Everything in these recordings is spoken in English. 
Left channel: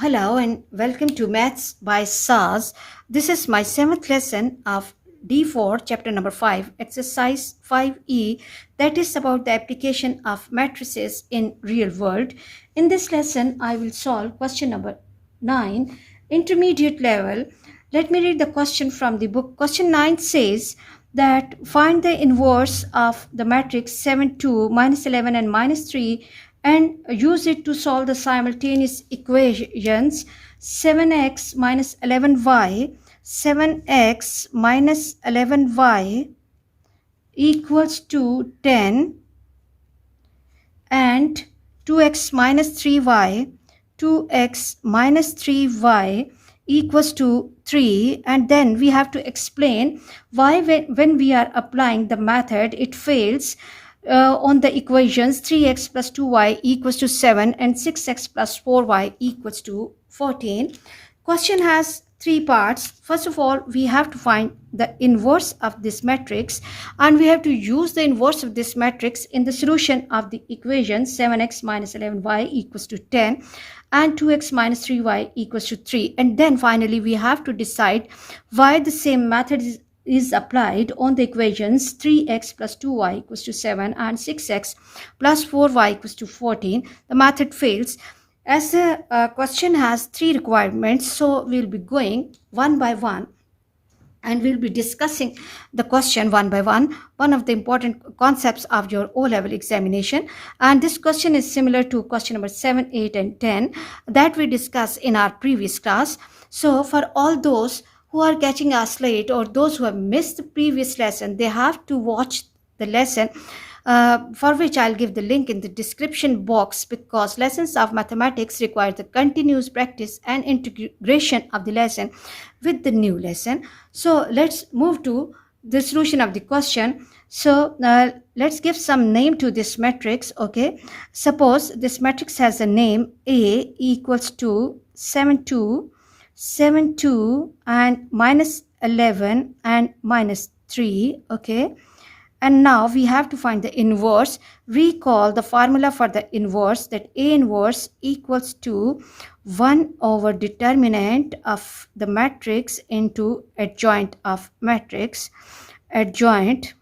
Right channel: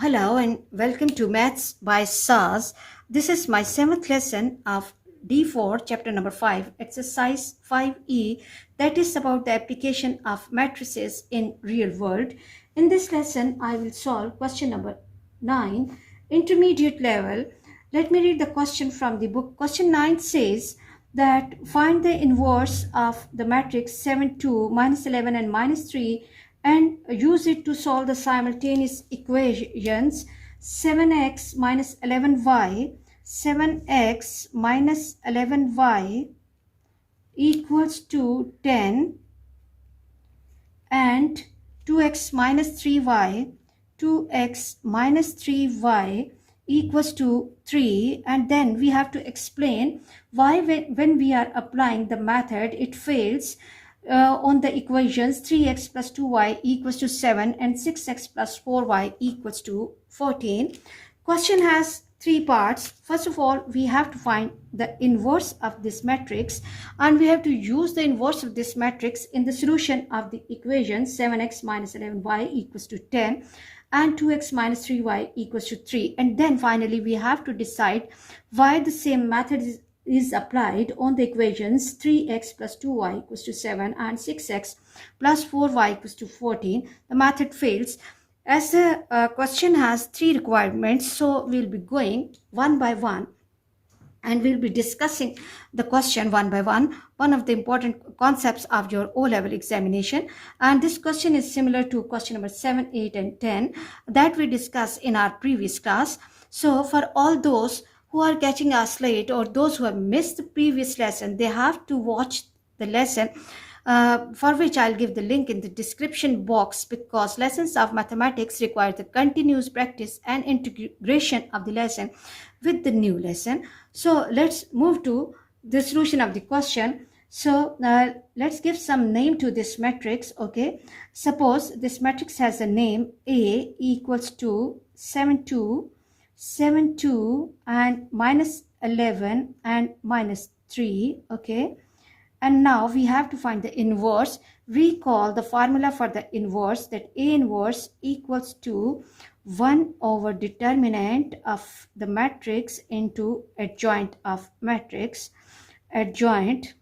Hello and welcome to Maths by SAS. This is my 7th lesson of D4 chapter number 5 exercise 5E, that is about the application of matrices in real world. In this lesson I will solve question number 9, intermediate level. Let me read the question from the book. Question 9 says that find the inverse of the matrix 7 2 minus 11 and minus 3 and use it to solve the simultaneous equations 7x minus 11y, 7x minus 11y equals to 10 and 2x minus 3y, 2x minus 3y equals to 3, and then we have to explain why when we are applying the method it fails on the equations 3x plus 2y equals to 7 and 6x plus 4y equals to 14. Question has three parts. First of all, we have to find the inverse of this matrix, and we have to use the inverse of this matrix in the solution of the equation 7x minus 11y equals to 10 and 2x minus 3y equals to 3. And then finally we have to decide why the same method is applied on the equations 3x plus 2y equals to 7 and 6x plus 4y equals to 14. The method fails. As the question has three requirements, so we'll be going one by one and we'll be discussing the question one by one, one of the important concepts of your O-level examination. And this question is similar to question number 7, 8 and 10 that we discussed in our previous class. So for all those who are catching us late or those who have missed the previous lesson, they have to watch the lesson, for which I'll give the link in the description box, because lessons of mathematics require the continuous practice and integration of the lesson with the new lesson. So let's move to the solution of the question. So let's give some name to this matrix. Okay, suppose this matrix has a name A equals to 7 2 7 2 and minus 11 and minus 3. Okay, and now we have to find the inverse. Recall the formula for the inverse, that A inverse equals to 1 over determinant of the matrix into adjoint of matrix, adjoint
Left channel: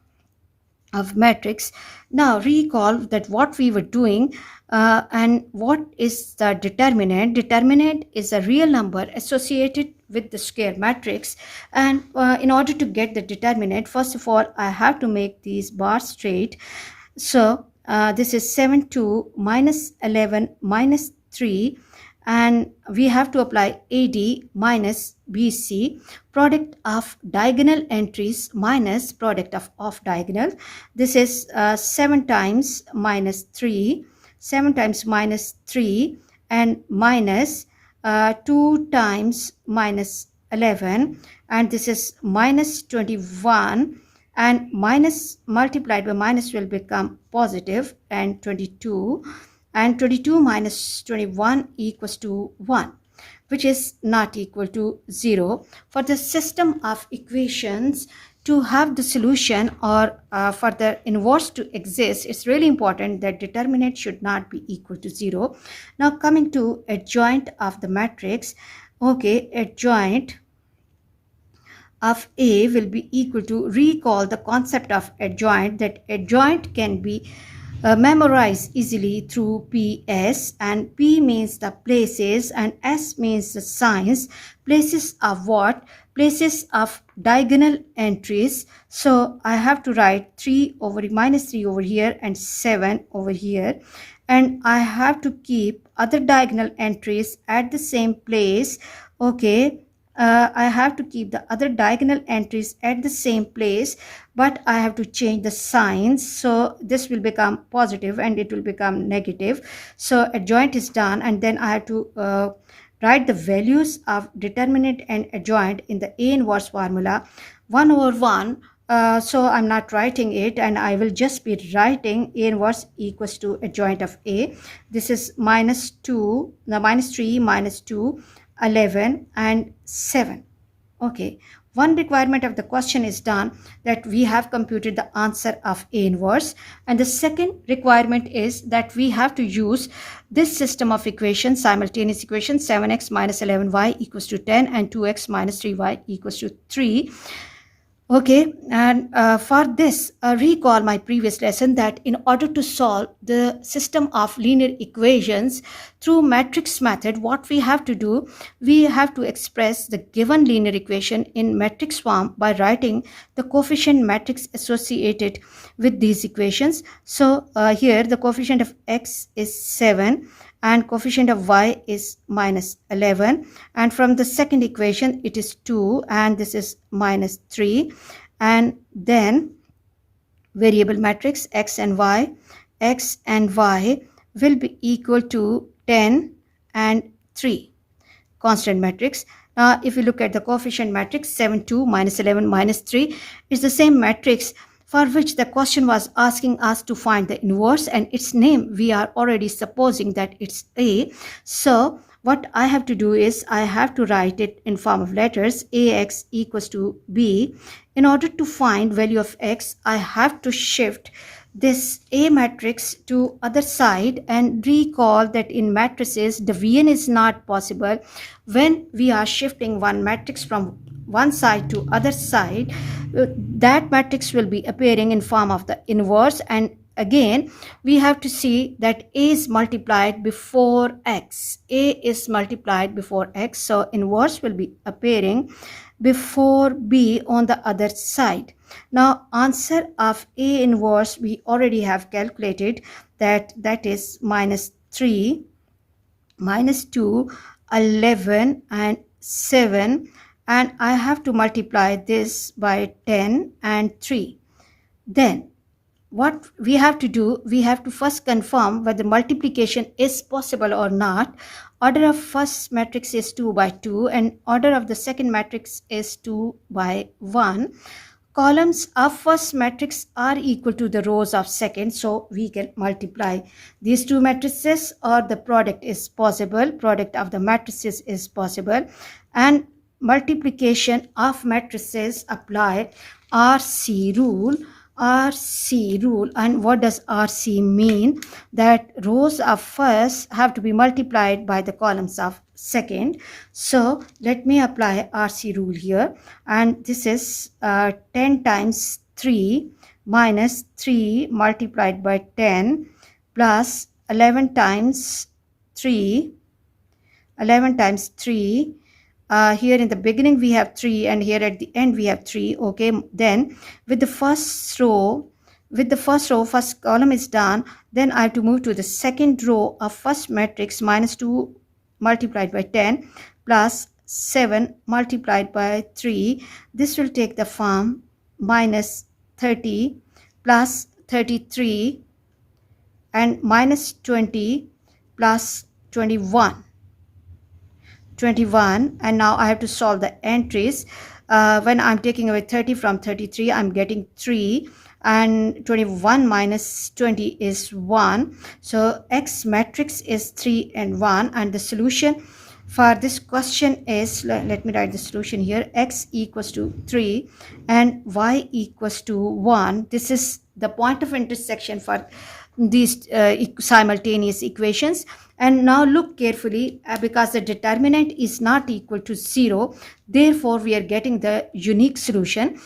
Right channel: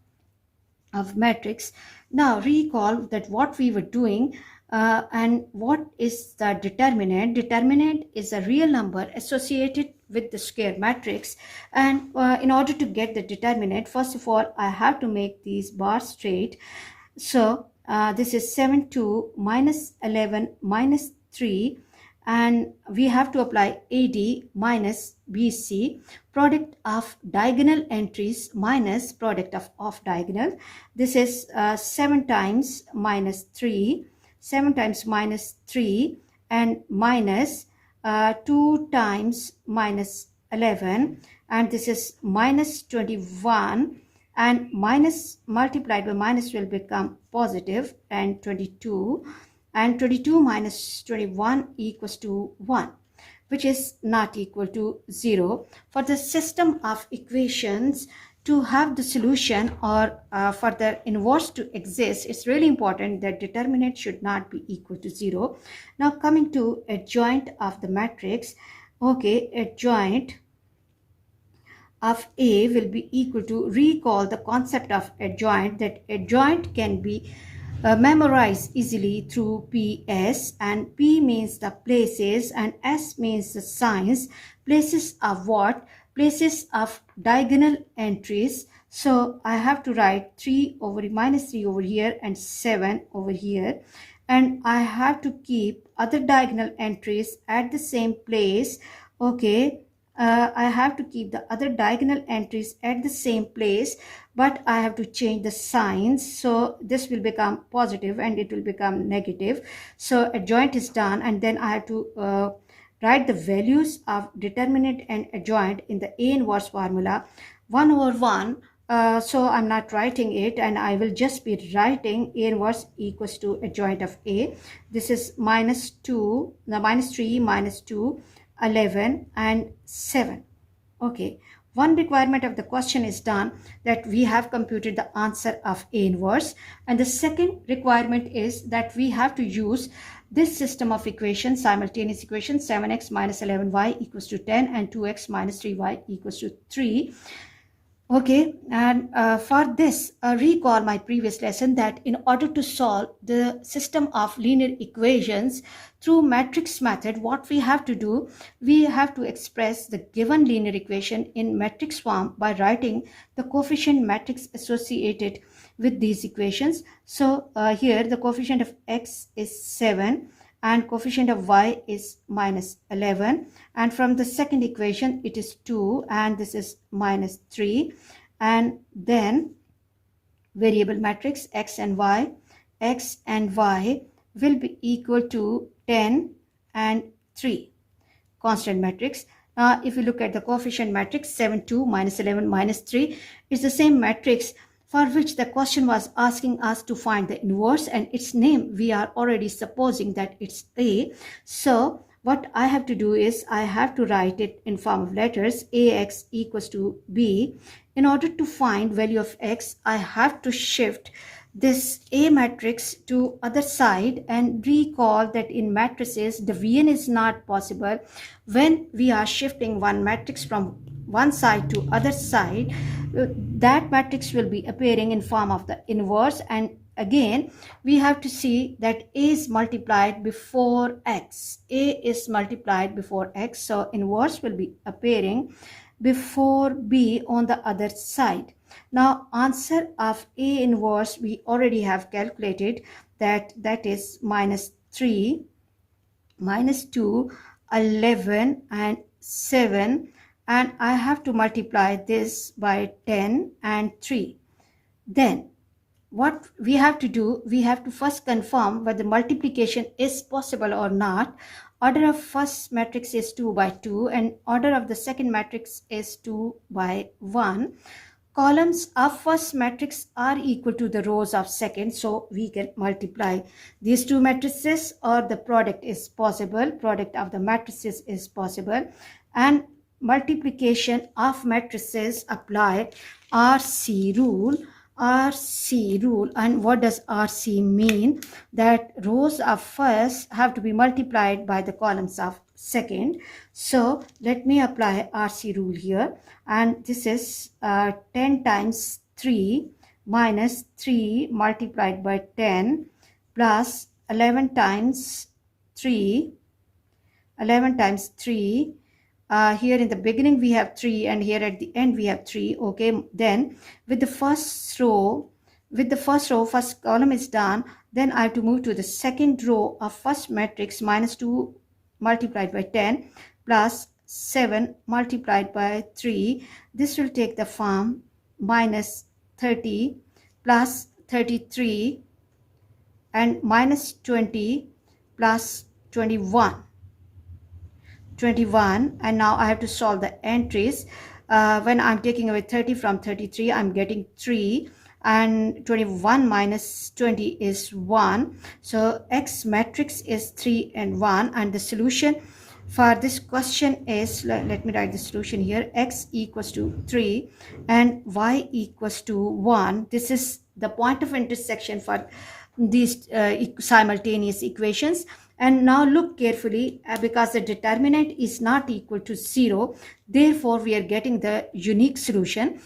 of matrix. Now recall that what we were doing and what is the determinant. Determinant is a real number associated with the square matrix, and in order to get the determinant, first of all I have to make these bars straight. So this is 7 2 minus 11 minus 3, and we have to apply AD minus BC, product of diagonal entries minus product of off diagonal. This is 7 times minus 3, 7 times minus 3 and minus 2 times minus 11, and this is minus 21, and minus multiplied by minus will become positive, and 22, and 22 minus 21 equals to 1, which is not equal to 0. For the system of equations to have the solution, or for the inverse to exist, it's really important that determinant should not be equal to 0. Now coming to adjoint of the matrix. Okay, adjoint of A will be equal to, recall the concept of adjoint, that adjoint can be memorized easily through PS, and P means the places and S means the signs. Places of what? Places of diagonal entries. So I have to write 3 over minus 3 over here and 7 over here, and I have to keep other diagonal entries at the same place. Okay, I have to keep the other diagonal entries at the same place, but I have to change the signs. So this will become positive and it will become negative. So adjoint is done, and then I have to write the values of determinant and adjoint in the A inverse formula, 1 over 1. So I'm not writing it, and I will just be writing A inverse equals to adjoint of A. This is minus 2, no, minus 3, minus 2, 11 and 7. Okay, one requirement of the question is done, that we have computed the answer of A inverse. And the second requirement is that we have to use this system of equations, simultaneous equation, 7x minus 11y equals to 10 and 2x minus 3y equals to 3. Okay, and for this, recall my previous lesson that in order to solve the system of linear equations through matrix method, what we have to do, we have to express the given linear equation in matrix form by writing the coefficient matrix associated with these equations. So here the coefficient of x is 7 and coefficient of y is minus 11, and from the second equation it is 2 and this is minus 3, and then variable matrix x and y will be equal to 10 and 3. Constant matrix. Now if you look at the coefficient matrix, 7, 2, minus 11, minus 3 is the same matrix for which the question was asking us to find the inverse, and its name we are already supposing that it's A. So what I have to do is I have to write it in form of letters. Ax equals to B. In order to find value of x, I have to shift this A matrix to other side, and recall that in matrices division is not possible. When we are shifting one matrix from one side to other side, that matrix will be appearing in form of the inverse, and again we have to see that A is multiplied before x. A is multiplied before x, so inverse will be appearing before B on the other side. Now answer of A inverse we already have calculated, that is minus 3, minus 2, 11 and 7, and I have to multiply this by 10 and 3. Then what we have to do, we have to first confirm whether multiplication is possible or not. Order of first matrix is 2 by 2 and order of the second matrix is 2 by 1. Columns of first matrix are equal to the rows of second, so we can multiply these two matrices, or the product is possible, product of the matrices is possible, and multiplication of matrices apply RC rule. RC rule, and what does RC mean? That rows of first have to be multiplied by the columns of second. So let me apply RC rule here, and this is 10 times 3 minus 3 multiplied by 10 plus 11 times 3. Here in the beginning we have 3 and here at the end we have 3. Okay, then with the first row, first column is done, then I have to move to the second row of first matrix. Minus 2 multiplied by 10 plus 7 multiplied by 3. This will take the form minus 30 plus 33 and minus 20 plus 21, and now I have to solve the entries. When I'm taking away 30 from 33, I'm getting 3, and 21 minus 20 is 1. So X matrix is 3 and 1, and the solution for this question is, let me write the solution here, X equals to 3 and Y equals to 1. This is the point of intersection for these simultaneous equations. And now look carefully, because the determinant is not equal to 0, therefore we are getting the unique solution.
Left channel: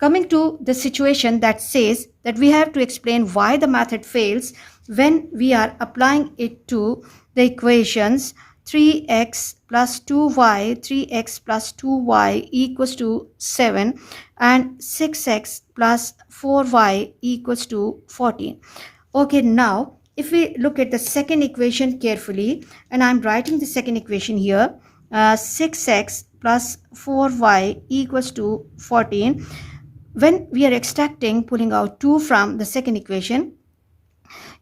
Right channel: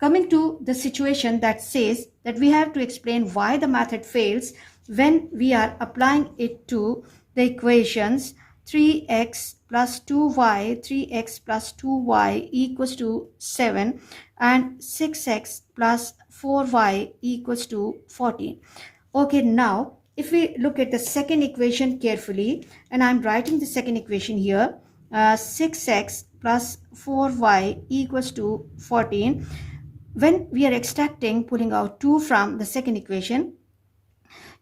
Coming to the situation that says that we have to explain why the method fails when we are applying it to the equations 3x plus 2y, 3x plus 2y equals to 7 and 6x plus 4y equals to 14. Okay, now if we look at the second equation carefully, and I'm writing the second equation here, 6x plus 4y equals to 14. When we are extracting, pulling out 2 from the second equation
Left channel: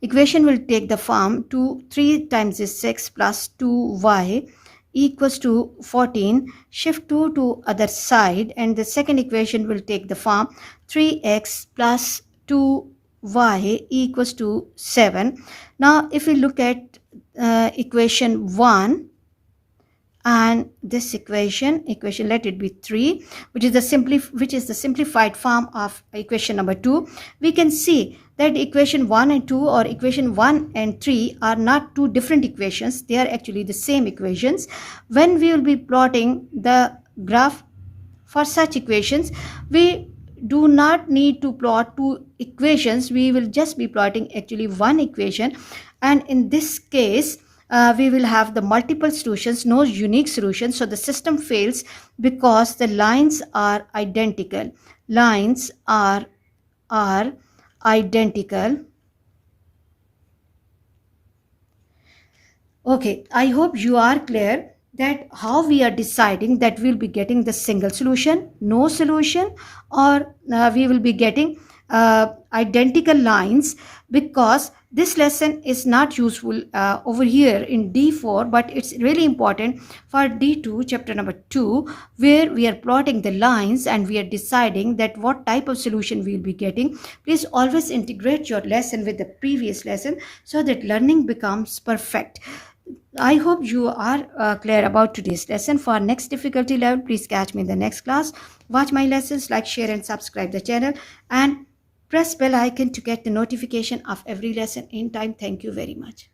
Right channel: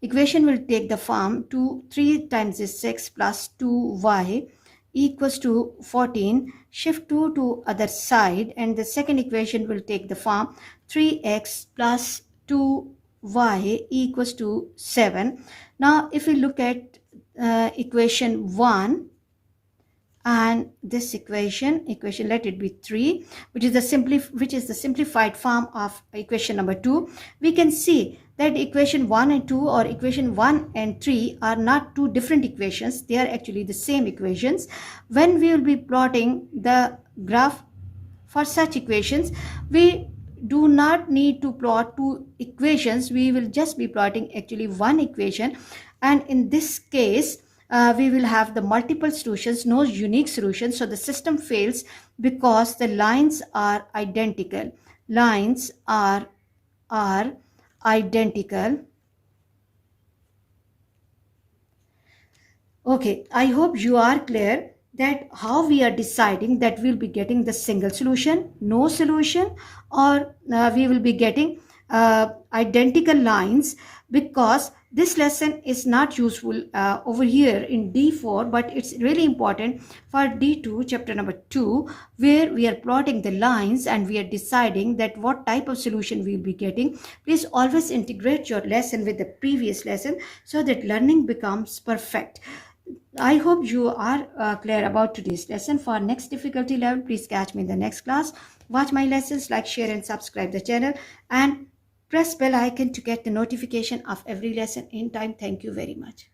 will take the form 3 times 6 plus 2y equals to 14. Shift 2 to other side, and the second equation will take the form 3x plus 2y equals to 7. Now if we look at equation 1, and this equation let it be 3, which is the simplified form of equation number 2. We can see that equation 1 and 2 or equation 1 and 3 are not two different equations. They are actually the same equations. When we will be plotting the graph for such equations, we do not need to plot two equations. We will just be plotting actually one equation, and in this case we will have the multiple solutions, no unique solutions. So the system fails because the lines are identical. Lines are identical. Okay, I hope you are clear that how we are deciding that we'll be getting the single solution, no solution, or we will be getting identical lines, because this lesson is not useful over here in D4, but it's really important for D2, chapter number 2, where we are plotting the lines and we are deciding that what type of solution we'll be getting. Please always integrate your lesson with the previous lesson so that learning becomes perfect. I hope you are clear about today's lesson. For next difficulty level, please catch me in the next class. Watch my lessons, like, share and subscribe the channel, and press bell icon to get the notification of every lesson in time. Thank you very much.